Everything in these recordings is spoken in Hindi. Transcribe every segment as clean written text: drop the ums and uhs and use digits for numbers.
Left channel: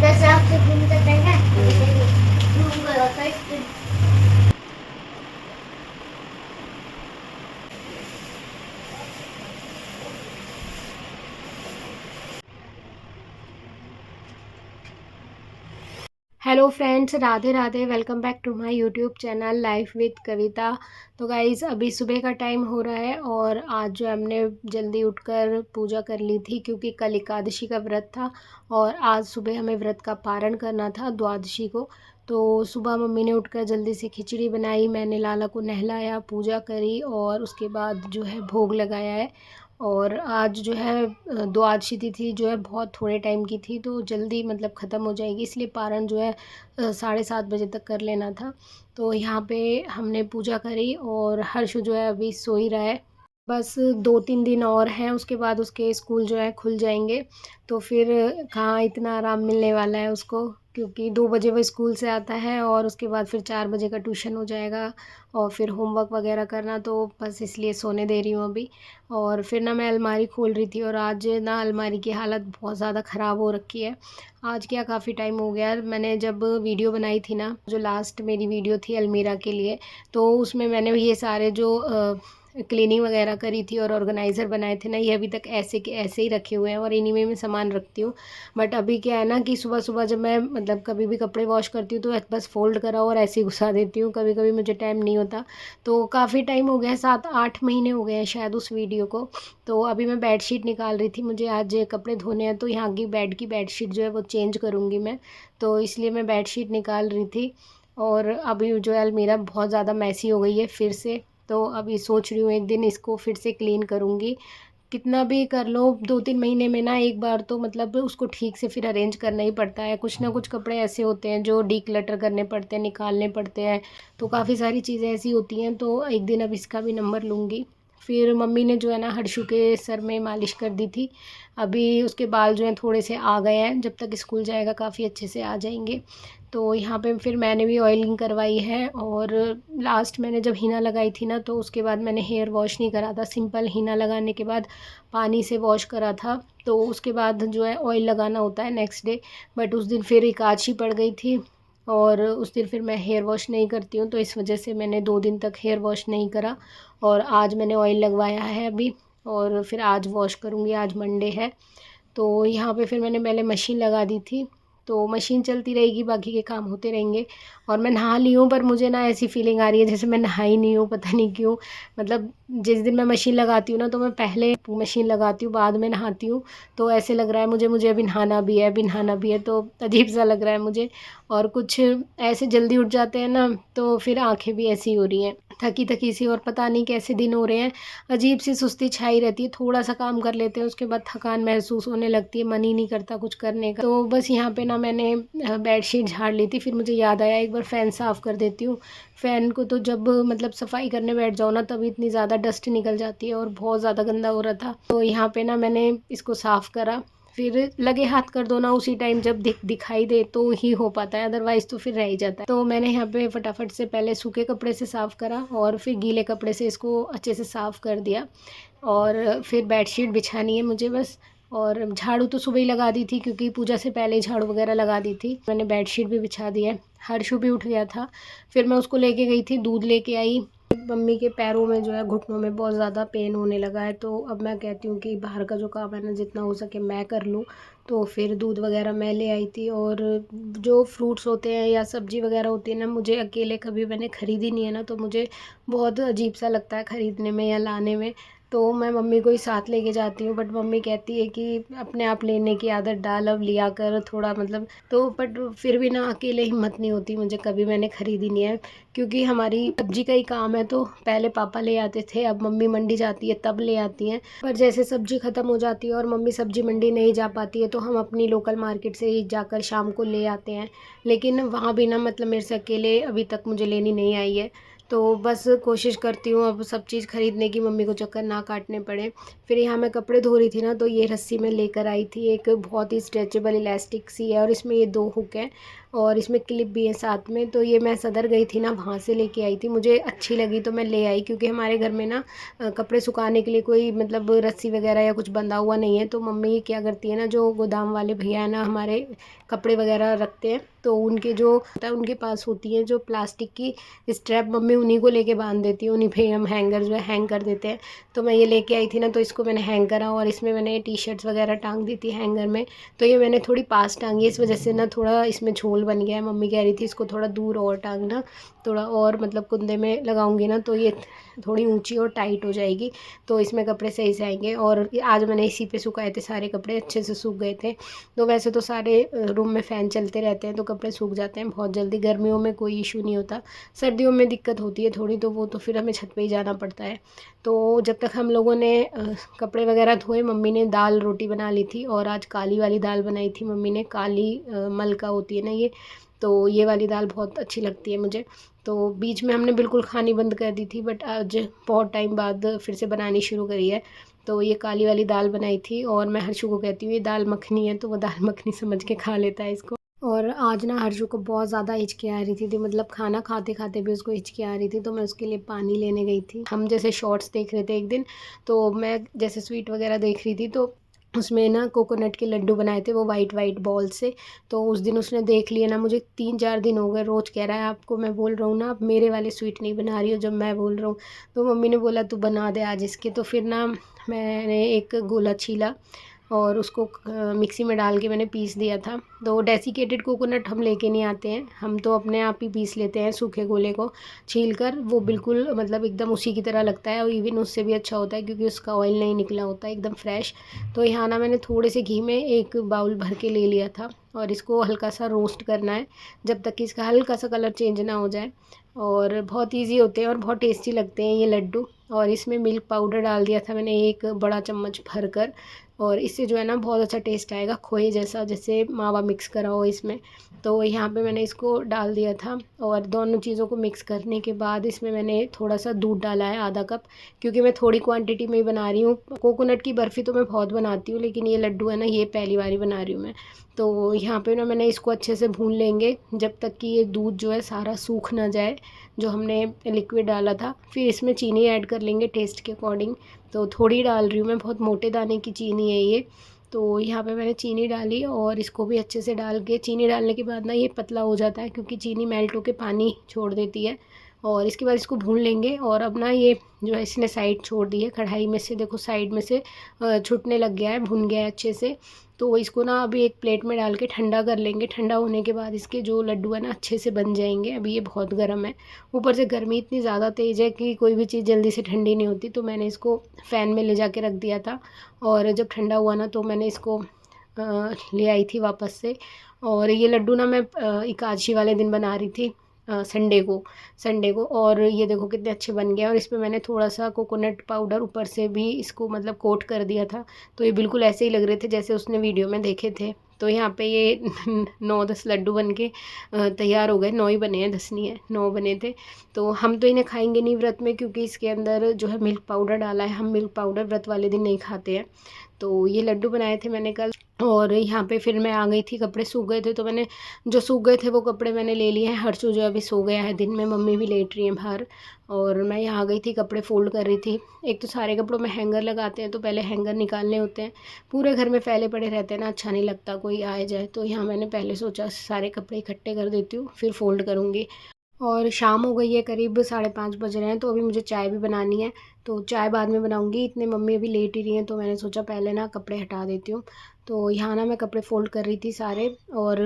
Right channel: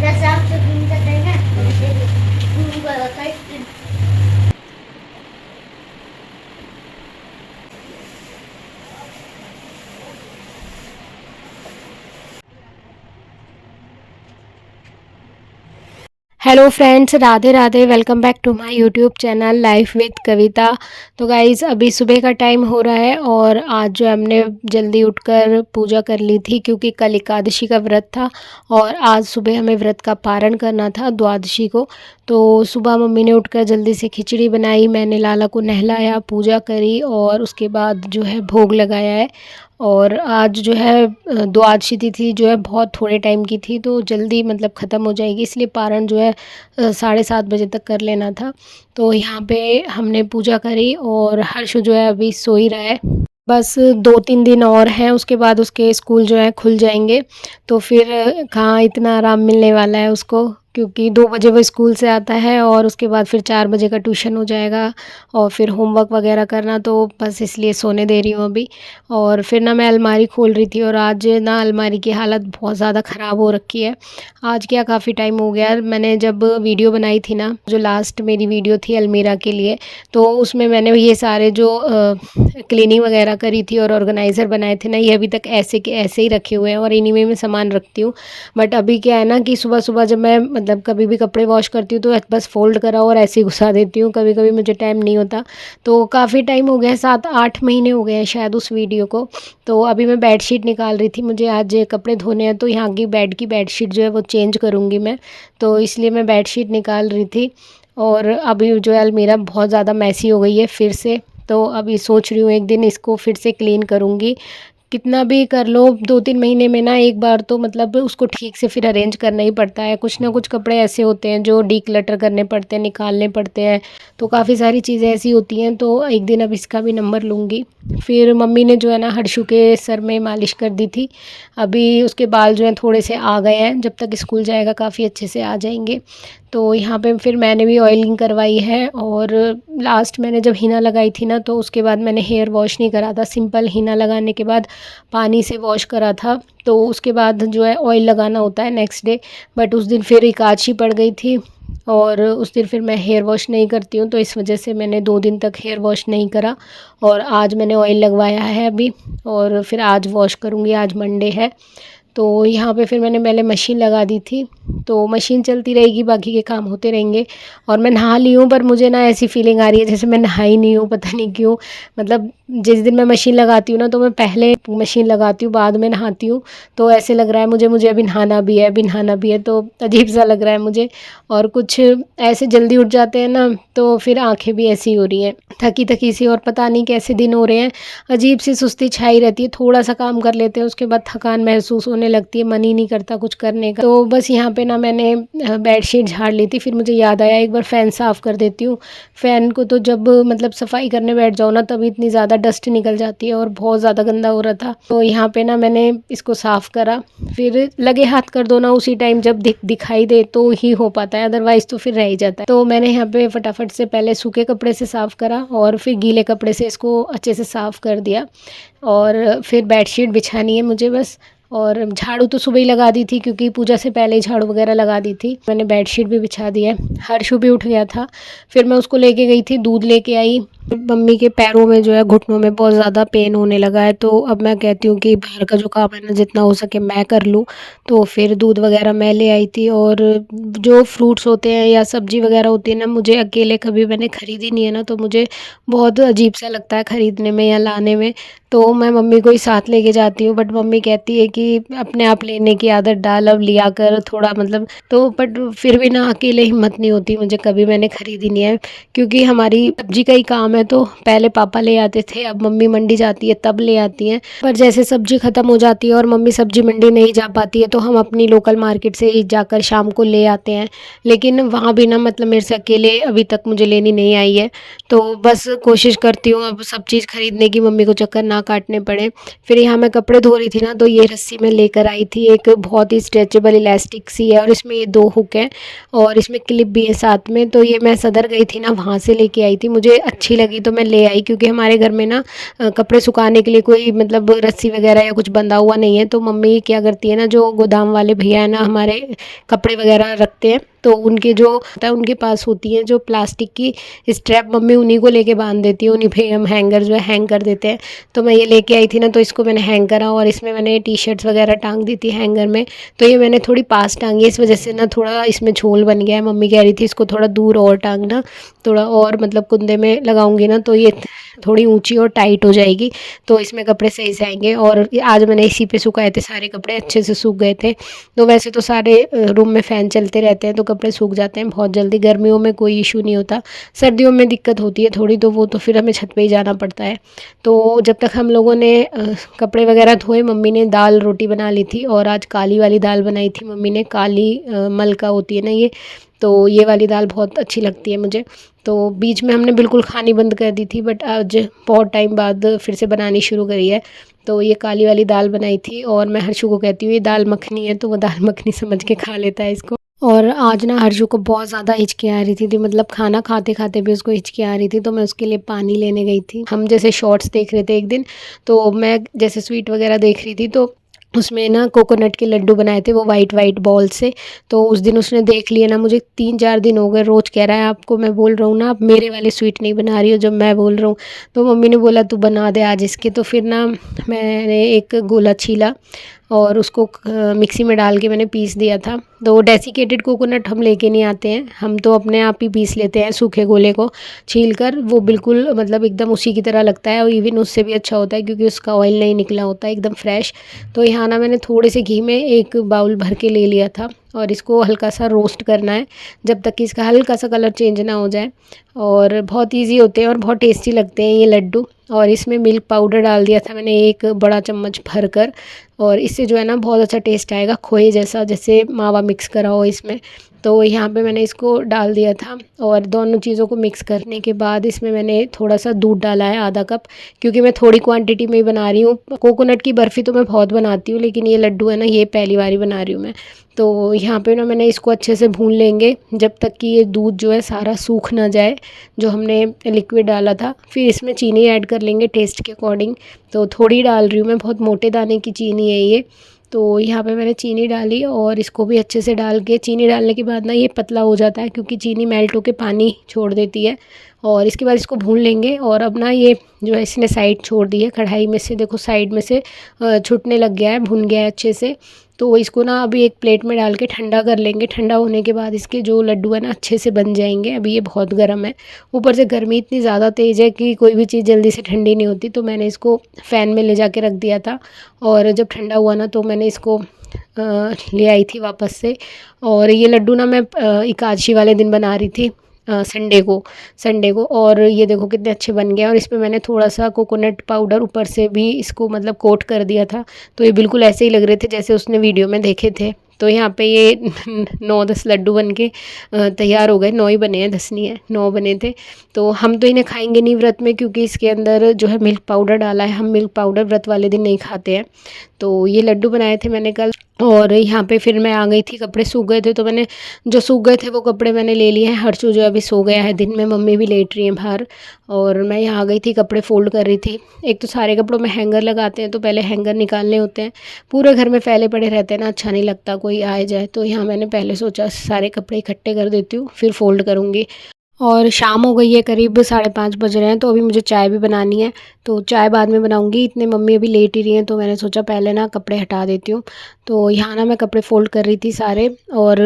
जैसे आपसे घूम सकते हैं ना, घूम कर आता है। Hello friends, Radhe Radhe. Welcome back to my YouTube channel life with Kavita. तो गाइज़, अभी सुबह का टाइम हो रहा है और आज जो हमने जल्दी उठकर पूजा कर ली थी, क्योंकि कल एकादशी का व्रत था और आज सुबह हमें व्रत का पारण करना था द्वादशी को। तो सुबह मम्मी ने उठकर जल्दी से खिचड़ी बनाई, मैंने लाला को नहलाया, पूजा करी और उसके बाद जो है भोग लगाया है। और आज जो है द्वादशी तिथि जो है बहुत थोड़े टाइम की थी, तो जल्दी मतलब ख़त्म हो जाएगी, इसलिए पारण जो है 7:30 बजे तक कर लेना था। तो यहाँ पे हमने पूजा करी और हर्ष जो है अभी सो ही रहा है। बस 2-3 दिन और हैं, उसके बाद उसके स्कूल जो है खुल जाएंगे। तो फिर कहाँ इतना आराम मिलने वाला है उसको, क्योंकि 2 बजे वो स्कूल से आता है और उसके बाद फिर 4 बजे का ट्यूशन हो जाएगा और फिर होमवर्क वगैरह करना, तो बस इसलिए सोने दे रही हूँ अभी। और फिर ना मैं अलमारी खोल रही थी और आज ना अलमारी की हालत बहुत ज़्यादा ख़राब हो रखी है। आज क्या काफ़ी टाइम हो गया, मैंने जब वीडियो बनाई थी ना, जो लास्ट मेरी वीडियो थी अलमीरा के लिए, तो उसमें मैंने ये सारे जो क्लीनिंग वगैरह करी थी और ऑर्गेनाइज़र बनाए थे ना, ये अभी तक ऐसे के ऐसे ही रखे हुए हैं और इन्हीं में मैं सामान रखती हूँ। बट अभी क्या है ना कि सुबह सुबह जब मैं मतलब कभी भी कपड़े वॉश करती हूँ तो बस फोल्ड करा और ऐसे ही घुसा देती हूँ, कभी कभी मुझे टाइम नहीं होता। तो काफ़ी टाइम हो गया है, 7-8 महीने हो गए हैं शायद उस वीडियो को। तो अभी मैं बेडशीट निकाल रही थी, मुझे आज कपड़े धोने हैं, तो यहाँ की बेडशीट जो है वो चेंज करूँगी मैं, तो इसलिए मैं बेडशीट निकाल रही थी। और अभी जो है अलमीरा बहुत ज़्यादा मैसी हो गई है फिर से, तो अभी सोच रही हूँ एक दिन इसको फिर से क्लीन करूँगी। कितना भी कर लो 2-3 महीने में ना एक बार तो मतलब उसको ठीक से फिर अरेंज करना ही पड़ता है। कुछ ना कुछ कपड़े ऐसे होते हैं जो डीक्लटर करने पड़ते हैं, निकालने पड़ते हैं, तो काफ़ी सारी चीज़ें ऐसी होती हैं। तो एक दिन अब इसका भी नंबर लूँगी। फिर मम्मी ने जो है ना हर्षु के सर में मालिश कर दी थी, अभी उसके बाल जो हैं थोड़े से आ गए हैं, जब तक स्कूल जाएगा काफ़ी अच्छे से आ जाएंगे। तो यहाँ पे फिर मैंने भी ऑयलिंग करवाई है और लास्ट मैंने जब हीना लगाई थी ना, तो उसके बाद मैंने हेयर वॉश नहीं करा था, सिंपल हीना लगाने के बाद पानी से वॉश करा था। तो उसके बाद जो है ऑयल लगाना होता है नेक्स्ट डे, बट उस दिन फिर एकादशी पड़ गई थी और उस दिन फिर मैं हेयर वॉश नहीं करती हूँ, तो इस वजह से मैंने 2 दिन तक हेयर वॉश नहीं करा। और आज मैंने ऑयल लगवाया है अभी, और फिर आज वॉश करूँगी, आज मंडे है। तो यहाँ पे फिर मैंने पहले मशीन लगा दी थी, तो मशीन चलती रहेगी, बाकी के काम होते रहेंगे। और मैं नहा ली हूँ, पर मुझे ना ऐसी फीलिंग आ रही है जैसे मैं नहाई नहीं हूँ, पता नहीं क्यों। मतलब जिस दिन मैं मशीन लगाती हूँ ना, तो मैं पहले मशीन लगाती हूँ, बाद में नहाती हूँ। तो ऐसे लग रहा है मुझे मुझे अभी नहाना भी है, अभी नहाना भी है, तो अजीब सा लग रहा है मुझे। और कुछ ऐसे जल्दी उठ जाते हैं ना, तो फिर आंखें भी ऐसी हो रही हैं, थकी थकी सी, और पता नहीं कैसे दिन हो रहे हैं, अजीब सी सुस्ती छाई रहती है। थोड़ा सा काम कर लेते हैं उसके बाद थकान महसूस होने लगती है, मन ही नहीं करता कुछ करने का। तो बस यहाँ पे ना मैंने बेडशीट झाड़ ली थी, फिर मुझे याद आया एक बार फ़ैन साफ़ कर देती हूँ। फ़ैन को तो जब मतलब सफाई करने बैठ जाओ ना, तभी इतनी ज़्यादा डस्ट निकल जाती है और बहुत ज़्यादा गंदा हो रहा था। तो यहाँ पे ना मैंने इसको साफ़ करा, फिर लगे हाथ कर दो ना उसी टाइम जब दिखाई दे तो ही हो पाता है, अदरवाइज़ तो फिर रह ही जाता है। तो मैंने यहाँ पे फटाफट से पहले सूखे कपड़े से साफ़ करा और फिर गीले कपड़े से इसको अच्छे से साफ़ कर दिया। और फिर बेडशीट बिछानी है मुझे बस। और झाड़ू तो सुबह ही लगा दी थी, क्योंकि पूजा से पहले ही झाड़ू वगैरह लगा दी थी। मैंने बेडशीट भी बिछा दी है। हर्षु भी उठ गया था, फिर मैं उसको लेके गई थी, दूध लेके आई। मम्मी के पैरों में जो है घुटनों में बहुत ज़्यादा पेन होने लगा है, तो अब मैं कहती हूँ कि बाहर का जो काम है ना, जितना हो सके मैं कर लूँ। तो फिर दूध वगैरह मैं ले आई थी। और जो फ्रूट्स होते हैं या सब्ज़ी वगैरह होती है ना, मुझे अकेले कभी मैंने ख़रीदी नहीं है ना, तो मुझे बहुत अजीब सा लगता है ख़रीदने में या लाने में। तो मैं मम्मी को ही साथ लेके जाती हूँ, बट मम्मी कहती है कि अपने आप लेने की आदत डाल, अब लिया कर थोड़ा मतलब। तो बट फिर भी ना अकेले हिम्मत नहीं होती मुझे, कभी मैंने ख़रीदी नहीं है, क्योंकि हमारी सब्जी का ही काम है। तो पहले पापा ले आते थे, अब मम्मी मंडी जाती है तब ले आती हैं। पर जैसे सब्जी ख़त्म हो जाती है और मम्मी सब्जी मंडी नहीं जा पाती है, तो हम अपनी लोकल मार्केट से ही जाकर शाम को ले आते हैं। लेकिन वहाँ भी ना मतलब मेरे से अकेले अभी तक मुझे लेनी नहीं आई है। तो बस कोशिश करती हूँ अब सब चीज़ ख़रीदने की मम्मी को चक्कर ना ना काटने पड़े। फिर यहाँ मैं कपड़े धो रही थी ना, तो ये रस्सी मैं लेकर आई थी, एक बहुत ही स्ट्रेचेबल इलास्टिक सी है और इसमें ये 2 हुक हैं और इसमें क्लिप भी है साथ में। तो ये मैं सदर गई थी ना, वहाँ से लेके आई थी, मुझे अच्छी लगी तो मैं ले आई, क्योंकि हमारे घर में ना कपड़े सुखाने के लिए कोई मतलब रस्सी वगैरह या कुछ बंधा हुआ नहीं है। तो मम्मी क्या करती है ना, जो गोदाम वाले भैया है ना हमारे, कपड़े वगैरह रखते हैं, तो उनके जो होता है उनके पास होती है जो प्लास्टिक की स्ट्रैप, मम्मी उन्हीं को लेके बांध देती है, उन्हीं पे हम हैंगर जो है हैंग कर देते हैं। तो मैं ये लेके आई थी ना, तो इसको मैंने हैंग करा और इसमें मैंने टी शर्ट्स वगैरह टांग दी थी हैंगर में। तो ये मैंने थोड़ी पास टांगी, इस वजह से ना थोड़ा इसमें झोल बन गया है। मम्मी कह रही थी इसको थोड़ा दूर और टांगना, थोड़ा और मतलब कुंदे में लगाऊंगी ना तो ये थोड़ी ऊंची और टाइट हो जाएगी, तो इसमें कपड़े सही से आएंगे। और आज मैंने इसी पे सुखाए थे सारे कपड़े, अच्छे से सूख गए थे। तो वैसे तो सारे रूम में फ़ैन चलते रहते हैं तो कपड़े सूख जाते हैं बहुत जल्दी, गर्मियों में कोई इशू नहीं होता। सर्दियों में दिक्कत होती है थोड़ी, तो वो तो फिर हमें छत पे ही जाना पड़ता है। तो जब तक हम लोगों ने कपड़े वगैरह धोए, मम्मी ने दाल रोटी बना ली थी और आज काली वाली दाल बनाई थी मम्मी ने, काली मलका होती है ना ये, तो ये वाली दाल बहुत अच्छी लगती है मुझे। तो बीच में हमने बिल्कुल खानी बंद कर दी थी, बट आज बहुत टाइम बाद फिर से बनानी शुरू करी है। तो ये काली वाली दाल बनाई थी और मैं हर्षु को कहती हूँ ये दाल मखनी है, तो वो दाल मखनी समझ के खा लेता है इसको। और आज ना हर्षु को बहुत ज़्यादा हिचकी आ रही थी, मतलब खाना खाते खाते भी उसको हिचकी आ रही थी, तो मैं उसके लिए पानी लेने गई थी। हम जैसे शॉर्ट्स देख रहे थे एक दिन, तो मैं जैसे स्वीट वगैरह देख रही थी, तो उसमें ना कोकोनट के लड्डू बनाए थे वो वाइट वाइट बॉल से। तो उस दिन उसने देख लिया ना, मुझे 3-4 दिन हो गए रोज़ कह रहा है आपको मैं बोल रहा हूँ ना आप मेरे वाले स्वीट नहीं बना रही हो जब मैं बोल रहा हूँ। तो मम्मी ने बोला तू बना दे आज इसके। तो फिर ना मैंने एक गोला छीला और उसको मिक्सी में डाल के मैंने पीस दिया था। तो डेसिकेटेड कोकोनट हम लेके नहीं आते हैं, हम तो अपने आप ही पीस लेते हैं सूखे गोले को छील कर, वो बिल्कुल मतलब एकदम उसी की तरह लगता है और इवन उससे भी अच्छा होता है क्योंकि उसका ऑयल नहीं निकला होता है, एकदम फ्रेश। तो यहाँ ना मैंने थोड़े से घी में एक बाउल भर के ले लिया था और इसको हल्का सा रोस्ट करना है जब तक कि इसका हल्का सा कलर चेंज ना हो जाए। और बहुत इजी होते हैं और बहुत टेस्टी लगते हैं ये लड्डू। और इसमें मिल्क पाउडर डाल दिया था मैंने 1 बड़ा चम्मच भर कर, और इससे जो है ना बहुत अच्छा टेस्ट आएगा, खोए जैसा, जैसे मावा मिक्स करा हो इसमें। तो यहाँ पे मैंने इसको डाल दिया था और दोनों चीज़ों को मिक्स करने के बाद इसमें मैंने थोड़ा सा दूध डाला है, आधा कप, क्योंकि मैं थोड़ी क्वांटिटी में ही बना रही हूँ। कोकोनट की बर्फ़ी तो मैं बहुत बनाती हूँ, लेकिन ये लड्डू है ना ये पहली बार ही बना रही हूँ मैं। तो यहाँ पे ना मैंने इसको अच्छे से भून लेंगे जब तक कि ये दूध जो है सारा सूख ना जाए जो हमने लिक्विड डाला था। फिर इसमें चीनी ऐड कर लेंगे टेस्ट के अकॉर्डिंग, तो थोड़ी डाल रही हूँ मैं, बहुत मोटे दाने की चीनी है ये। तो यहाँ पे मैंने चीनी डाली और इसको भी अच्छे से डाल के, चीनी डालने के बाद ना ये पतला हो जाता है क्योंकि चीनी मेल्ट होकर पानी छोड़ देती है। और इसके बाद इसको भून लेंगे। और अब ना ये जो है इसने साइड छोड़ दी है कढ़ाई में से, देखो साइड में से छूटने लग गया है, भुन गया है अच्छे से। तो इसको ना अभी एक प्लेट में डाल के ठंडा कर लेंगे। ठंडा होने के बाद इसके जो लड्डू है ना अच्छे से बन जाएंगे। अभी ये बहुत गर्म है, ऊपर से गर्मी इतनी ज़्यादा तेज़ है कि कोई भी चीज़ जल्दी से ठंडी नहीं होती। तो मैंने इसको फ़ैन में ले जाके रख दिया था और जब ठंडा हुआ ना तो मैंने इसको ले आई थी वापस से। और ये लड्डू ना मैं एकादशी वाले दिन बना रही थी, संडे को। और ये देखो कितने अच्छे बन गए। और इस पे मैंने थोड़ा सा कोकोनट पाउडर ऊपर से भी इसको मतलब कोट कर दिया था, तो ये बिल्कुल ऐसे ही लग रहे थे जैसे उसने वीडियो में देखे थे। तो यहाँ पे ये 9-10 लड्डू बन के तैयार हो गए। 9 ही बने हैं, 10 नहीं है, 9 बने थे। तो हम तो इन्हें खाएंगे नहीं व्रत में, क्योंकि इसके अंदर जो है मिल्क पाउडर डाला है, हम मिल्क पाउडर व्रत वाले दिन नहीं खाते हैं। तो ये लड्डू बनाए थे मैंने कल। और यहाँ पे फिर मैं आ गई थी, कपड़े सूख गए थे तो मैंने जो सूख गए थे वो कपड़े मैंने ले लिए हैं। हर्षु जो अभी सो गया है दिन में, मम्मी भी लेट रही हैं बाहर। और मैं यहाँ आ गई थी, कपड़े फ़ोल्ड कर रही थी। एक तो सारे कपड़ों में हैंगर लगाते हैं तो पहले हैंगर निकालने होते हैं, पूरे घर में फैले पड़े रहते हैं ना, अच्छा नहीं लगता कोई आए जाए। तो यहाँ मैंने पहले सोचा सारे कपड़े इकट्ठे कर देती हूँ फिर फ़ोल्ड करूँगी। और शाम हो गई है, करीब 5:30 बज रहे हैं, तो अभी मुझे चाय भी बनानी है। तो चाय बाद में बनाऊंगी, इतने मम्मी अभी लेट ही रही हैं, तो मैंने सोचा पहले ना कपड़े हटा देती हूँ। तो यहाँ ना मैं कपड़े फ़ोल्ड कर रही थी सारे। और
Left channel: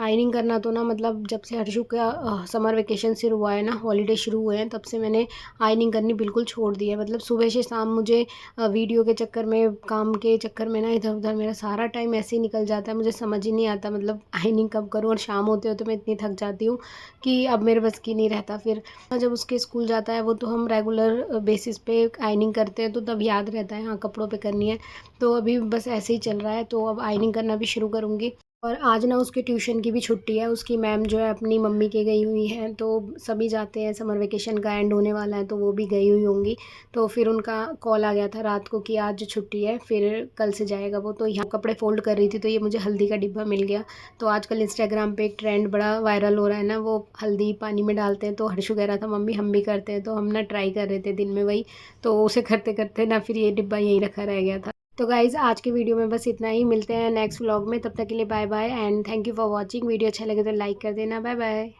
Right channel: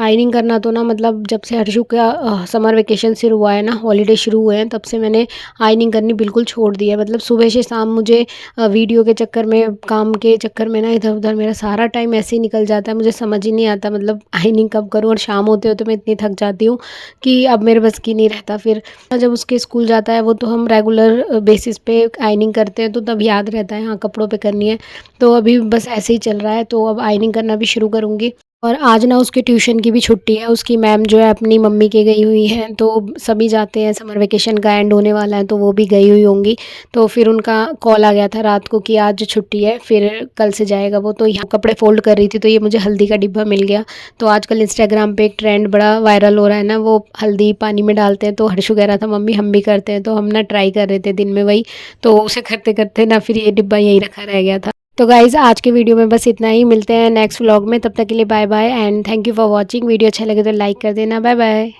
आयरनिंग करना तो ना मतलब जब से हर्षु का समर वेकेशन शुरू हुआ है ना, हॉलीडे शुरू हुए हैं, तब से मैंने आयरनिंग करनी बिल्कुल छोड़ दी है। मतलब सुबह से शाम मुझे वीडियो के चक्कर में, काम के चक्कर में ना इधर उधर मेरा सारा टाइम ऐसे ही निकल जाता है, मुझे समझ ही नहीं आता मतलब आयरनिंग कब करूँ। और शाम होते होते मैं इतनी थक जाती हूँ कि अब मेरे बस की नहीं रहता। फिर जब उसके स्कूल जाता है वो तो हम रेगुलर बेसिस पे आयरनिंग करते हैं, तो तब याद रहता है हाँ कपड़ों पे करनी है। तो अभी बस ऐसे ही चल रहा है, तो अब आयरनिंग करना भी शुरू करूँगी। और आज ना उसकी ट्यूशन की भी छुट्टी है, उसकी मैम जो है अपनी मम्मी के गई हुई हैं, तो सभी जाते हैं, समर वेकेशन का एंड होने वाला है तो वो भी गई हुई होंगी। तो फिर उनका कॉल आ गया था रात को कि आज छुट्टी है, फिर कल से जाएगा वो। तो यहाँ कपड़े फोल्ड कर रही थी तो ये मुझे हल्दी का डिब्बा मिल गया। तो आजकल इंस्टाग्राम पे एक ट्रेंड बड़ा वायरल हो रहा है ना, वो हल्दी पानी में डालते हैं। तो हर्षु कह रहा था मम्मी हम भी करते हैं, तो हम ना ट्राई कर रहे थे दिन में वही। तो उसे करते करते ना फिर ये डिब्बा यहीं रखा रह गया था। तो गाइज़ आज के वीडियो में बस इतना ही, मिलते हैं नेक्स्ट व्लॉग में, तब तक के लिए bye bye and thank you for watching. Video अच्छा लगे तो लाइक कर देना। Bye bye.